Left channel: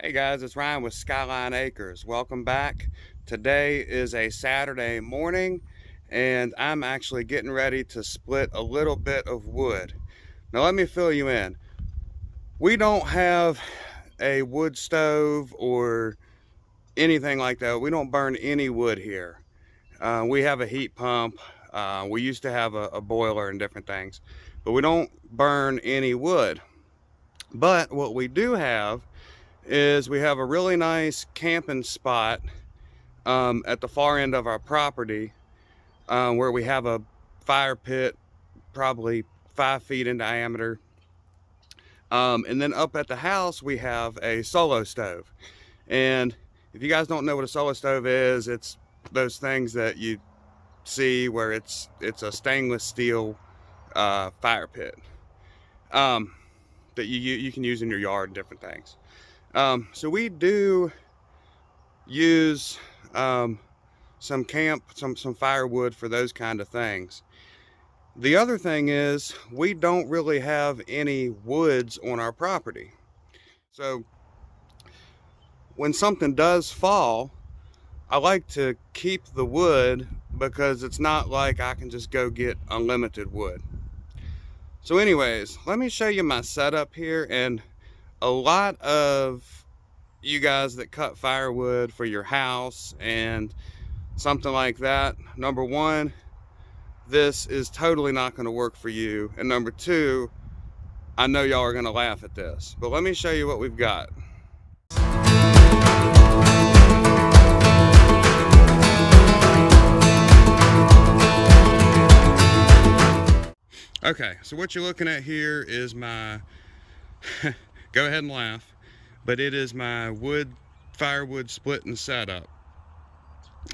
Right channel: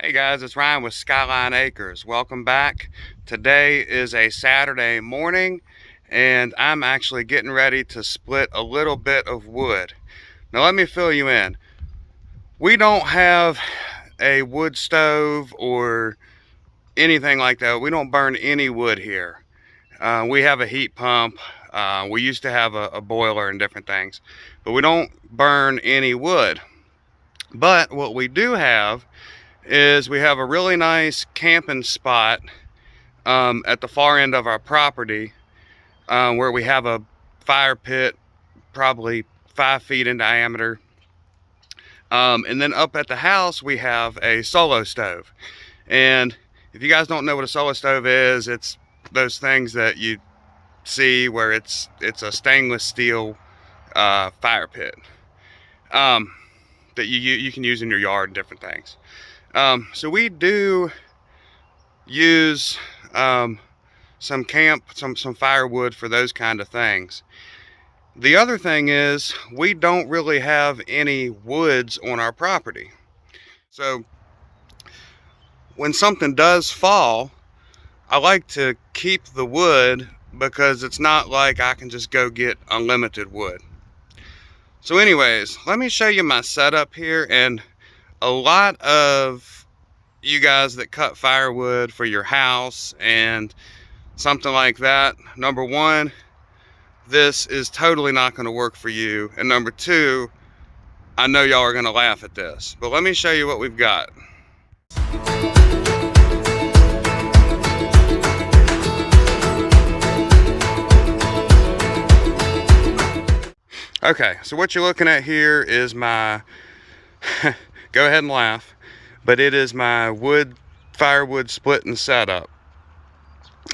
Hey guys, it's Ryan with Skyline Acres. Welcome back. Today is a Saturday morning and I'm actually getting ready to split a little bit of wood. Now let me fill you in. We don't have a wood stove or anything like that. We don't burn any wood here. We have a heat pump. We used to have a boiler and different things, but we don't burn any wood. But what we do have is we have a really nice camping spot at the far end of our property where we have a fire pit probably 5 feet in diameter. And then up at the house we have a solo stove. And if you guys don't know what a solo stove is, it's those things that you see where it's a stainless steel fire pit that you can use in your yard and different things. So we do use some firewood for those kind of things. The other thing is we don't really have any woods on our property. So when something does fall, I like to keep the wood because it's not like I can just go get unlimited wood. So anyways, let me show you my setup here. And a lot of you guys that cut firewood for your house and something like that, number one, this is totally not going to work for you, and number two, I know y'all are going to laugh at this, but let me show you what we've got. Okay, so what you're looking at here is my go ahead and laugh, but it is my firewood splitting setup.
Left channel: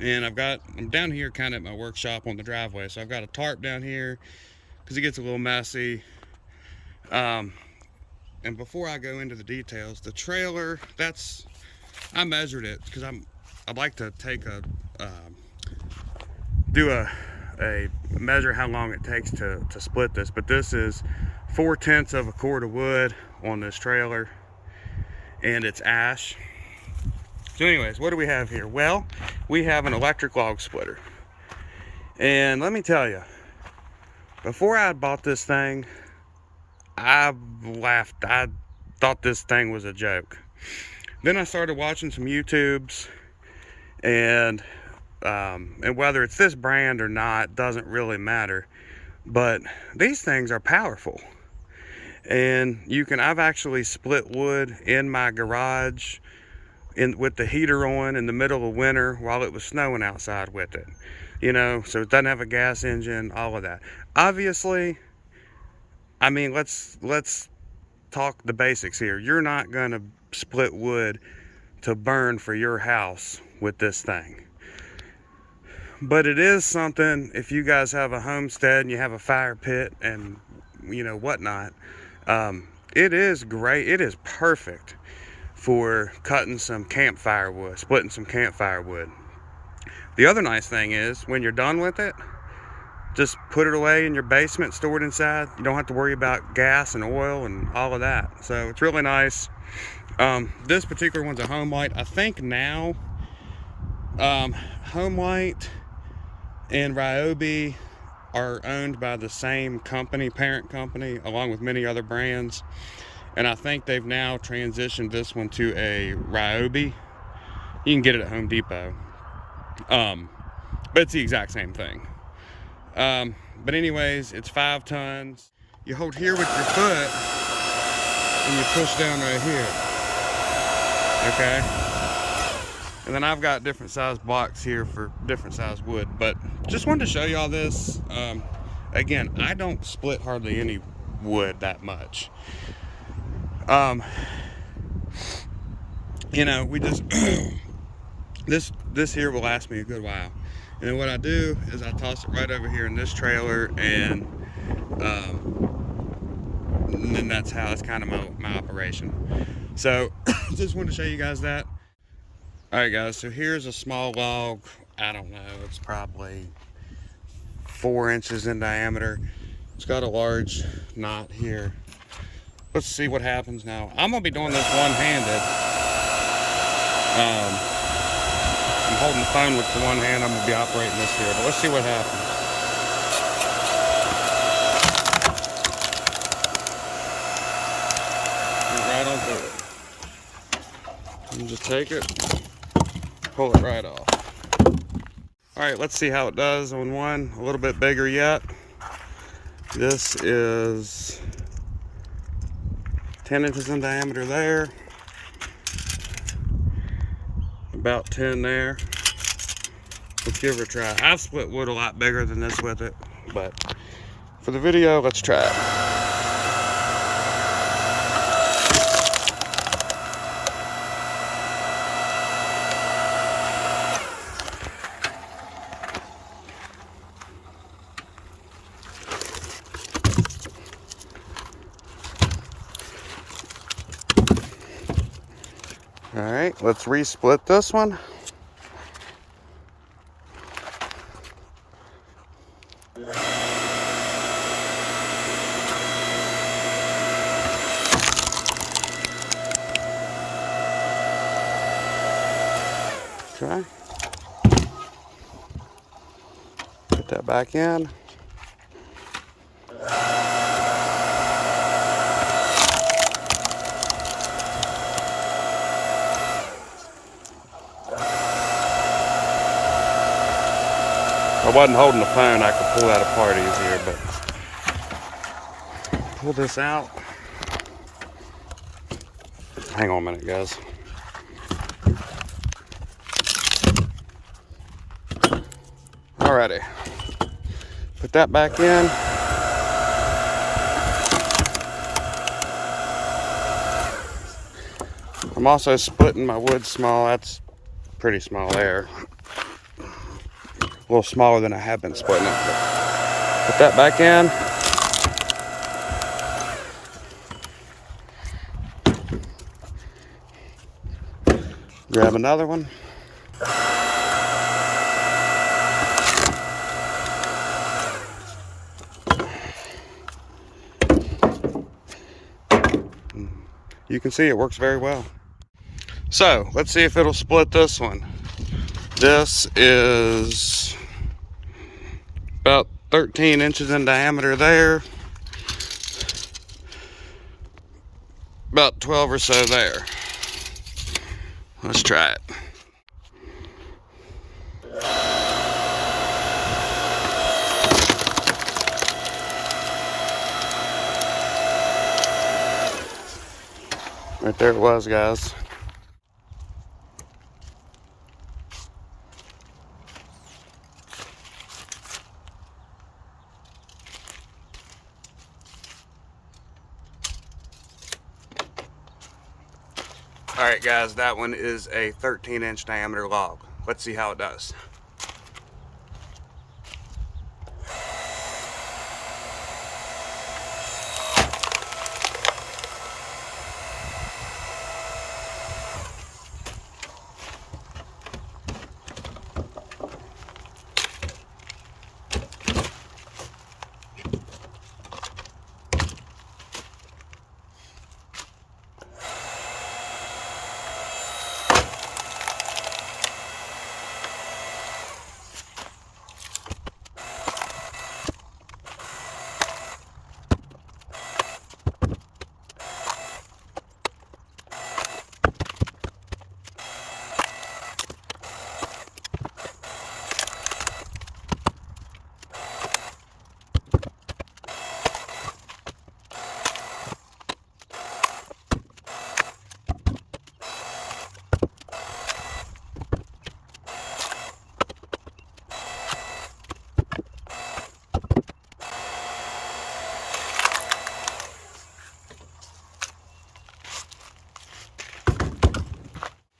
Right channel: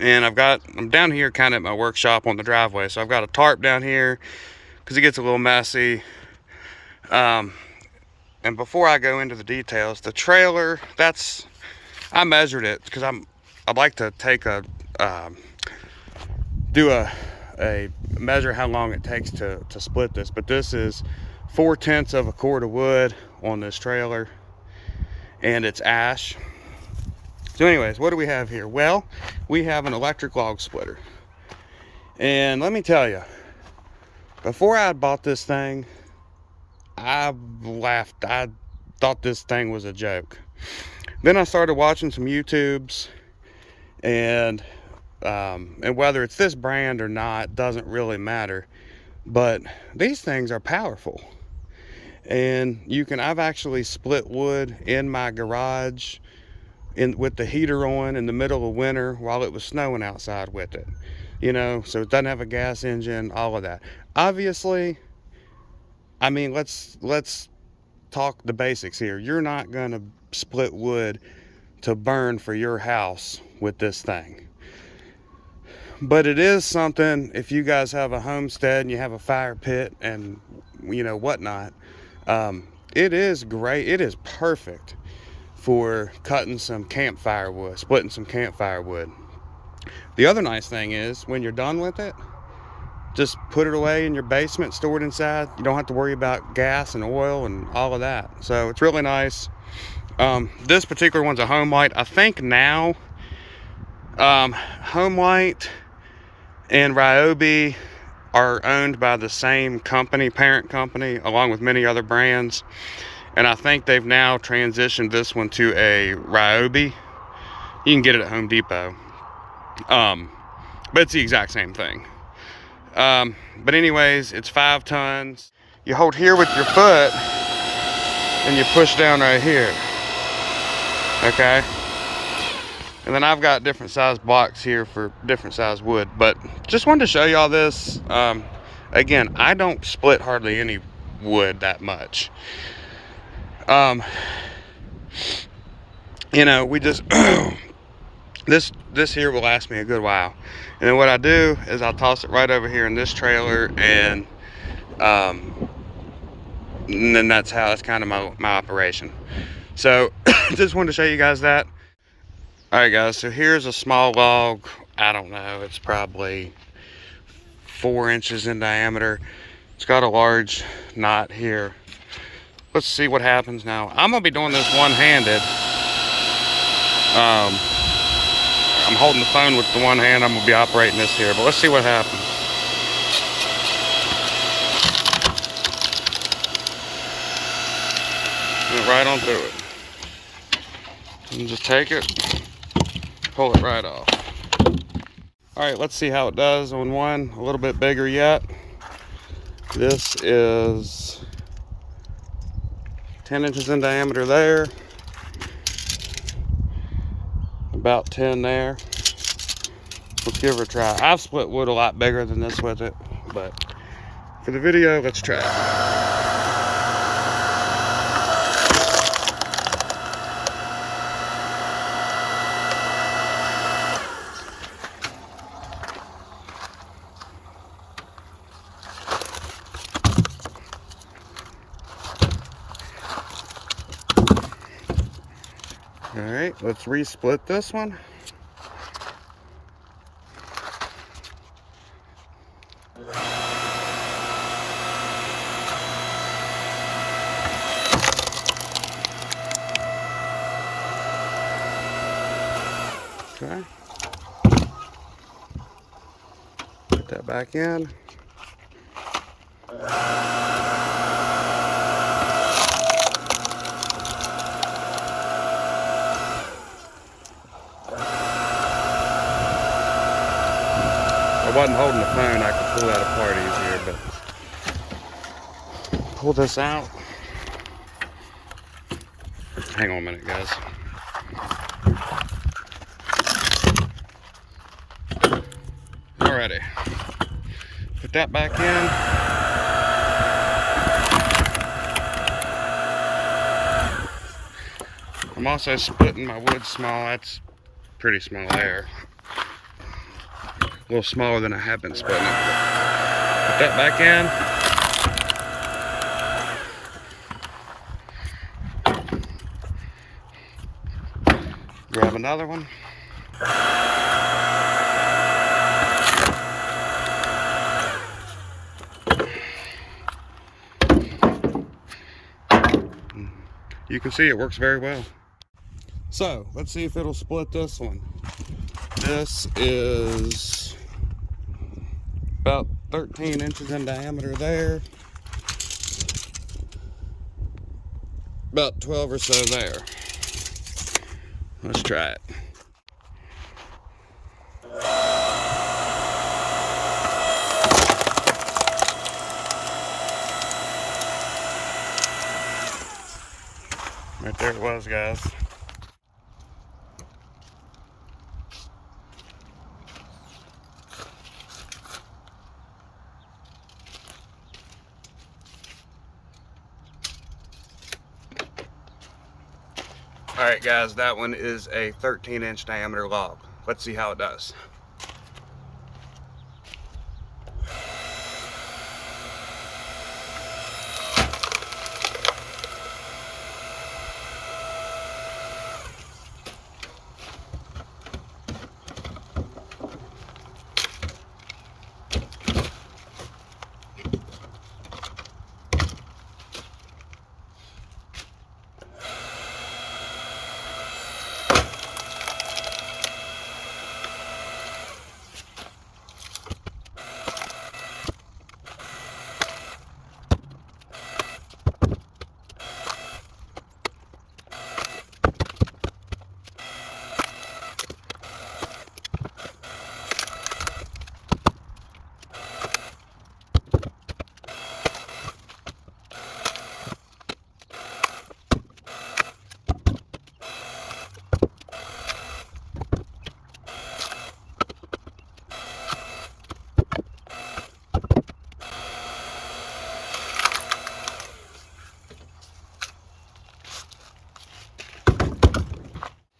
And I'm down here kind of at my workshop on the driveway, so I've got a tarp down here because it gets a little messy. And before I go into the details, the trailer, I measured it because I'd like to take do a measure how long it takes to split this, but this is 4/10 of a cord of wood on this trailer, and it's ash. So anyways, what do we have here? Well, we have an electric log splitter. And let me tell you, before I bought this thing, I laughed. I thought this thing was a joke. Then I started watching some YouTubes, and whether it's this brand or not doesn't really matter. But these things are powerful. And I've actually split wood in my garage with the heater on in the middle of winter while it was snowing outside with it, so it doesn't have a gas engine, all of that. Obviously, I mean, let's talk the basics here. You're not gonna split wood to burn for your house with this thing, but it is something. If you guys have a homestead and you have a fire pit and whatnot, it is great. It is perfect for cutting some campfire wood, splitting some campfire wood. The other nice thing is when you're done with it, just put it away in your basement, store it inside. You don't have to worry about gas and oil and all of that. So it's really nice. This particular one's a Homelight. I think now Homelight and Ryobi are owned by the same company, parent company, along with many other brands. And I think they've now transitioned this one to a Ryobi. You can get it at Home Depot. But it's the exact same thing. But anyways, it's 5 tons. You hold here with your foot and you push down right here. Okay? And then I've got different size blocks here for different size wood. But just wanted to show y'all this. Again, I don't split hardly any wood that much. We just this here will last me a good while. And then what I do is I'll toss it right over here in this trailer, and then that's kind of my operation. So just wanted to show you guys that. All right guys, so here's a small log. I don't know, it's probably 4 inches in diameter. It's got a large knot here. Let's see what happens now. I'm gonna be doing this one-handed. I'm holding the phone with the one hand. I'm gonna be operating this here, but let's see what happens. Went right on through it. And just take it, pull it right off. All right, let's see how it does on one a little bit bigger yet. This is 10 inches in diameter there, about 10 there. Let's give it a try. I've split wood a lot bigger than this with it, but for the video, let's try it. All right, let's re-split this one. Okay. Put that back in. If I wasn't holding the phone, I could pull that apart easier, but pull this out. Hang on a minute, guys. Alrighty. Put that back in. I'm also splitting my wood small. That's pretty small there. A little smaller than I have been splitting it. Put that back in. Grab another one. You can see it works very well. So let's see if it'll split this one. This is about 13 inches in diameter there, about 12 or so there. Let's try it. Right there it was, guys. All right, guys, that one is a 13-inch diameter log. Let's see how it does.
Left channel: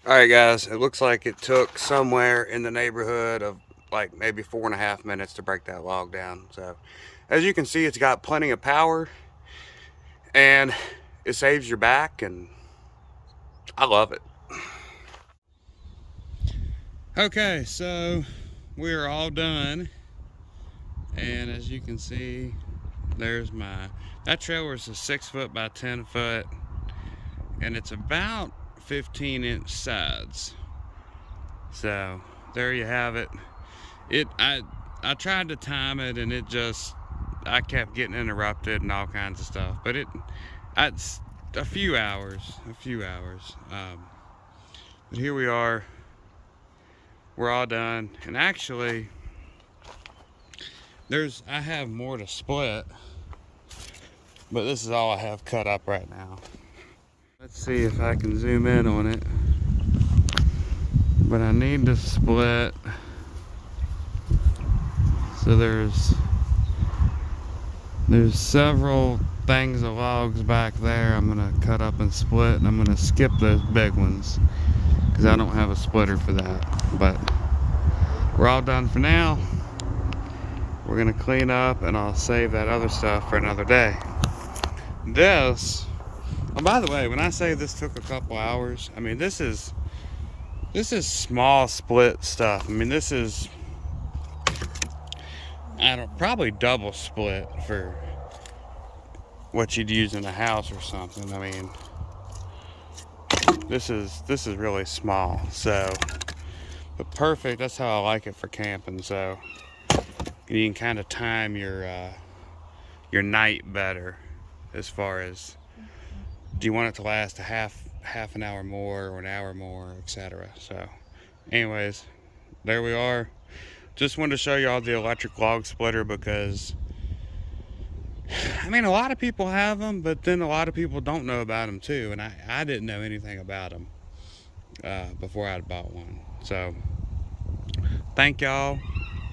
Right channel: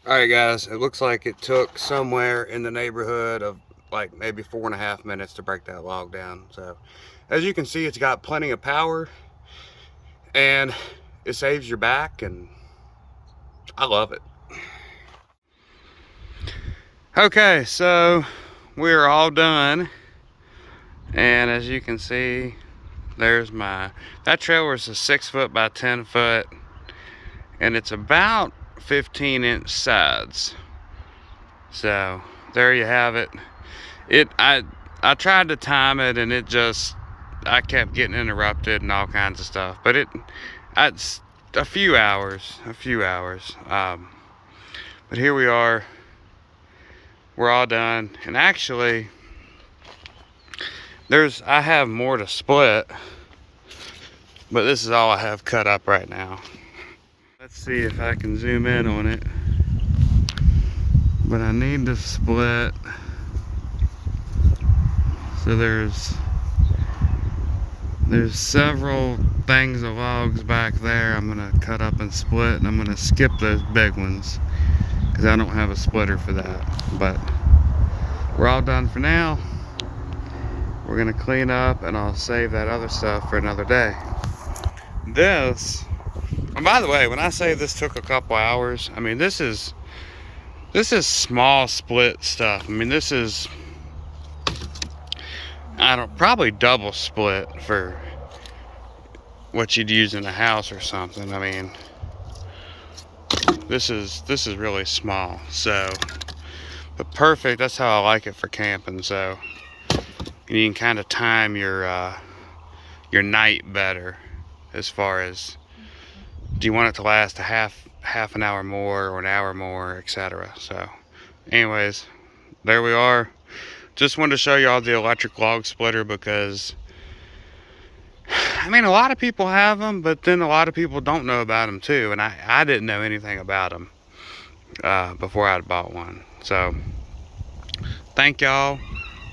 All right, guys, it looks like it took somewhere in the neighborhood of like maybe 4.5 minutes to break that log down. So as you can see, it's got plenty of power and it saves your back, and I love it. Okay, so we're all done, and as you can see, there's that trailer is a 6 foot by 10 foot, and it's about 15-inch sides. So there you have it. I tried to time it, and I kept getting interrupted and all kinds of stuff. But it's a few hours. But here we are. We're all done. And actually, I have more to split, but this is all I have cut up right now. Let's see if I can zoom in on it. But I need to split. So there's several things of logs back there I'm gonna cut up and split, and I'm gonna skip those big ones because I don't have a splitter for that. But we're all done for now. We're gonna clean up, and I'll save that other stuff for another day. This, and by the way, when I say this took a couple hours, I mean this is small split stuff. I mean, this is, probably double split for what you'd use in a house or something. I mean, this is really small. So, but perfect. That's how I like it for camping. So you can kind of time your night better, as far as, do you want it to last a half an hour more or an hour more, etc. So anyways, there we are. Just wanted to show you all the electric log splitter, because I mean, a lot of people have them, but then a lot of people don't know about them too, and I didn't know anything about them before I bought one. So thank y'all.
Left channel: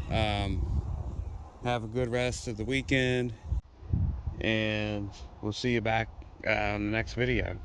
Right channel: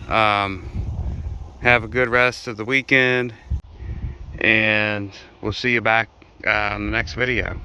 Have a good rest of the weekend, and we'll see you back on the next video.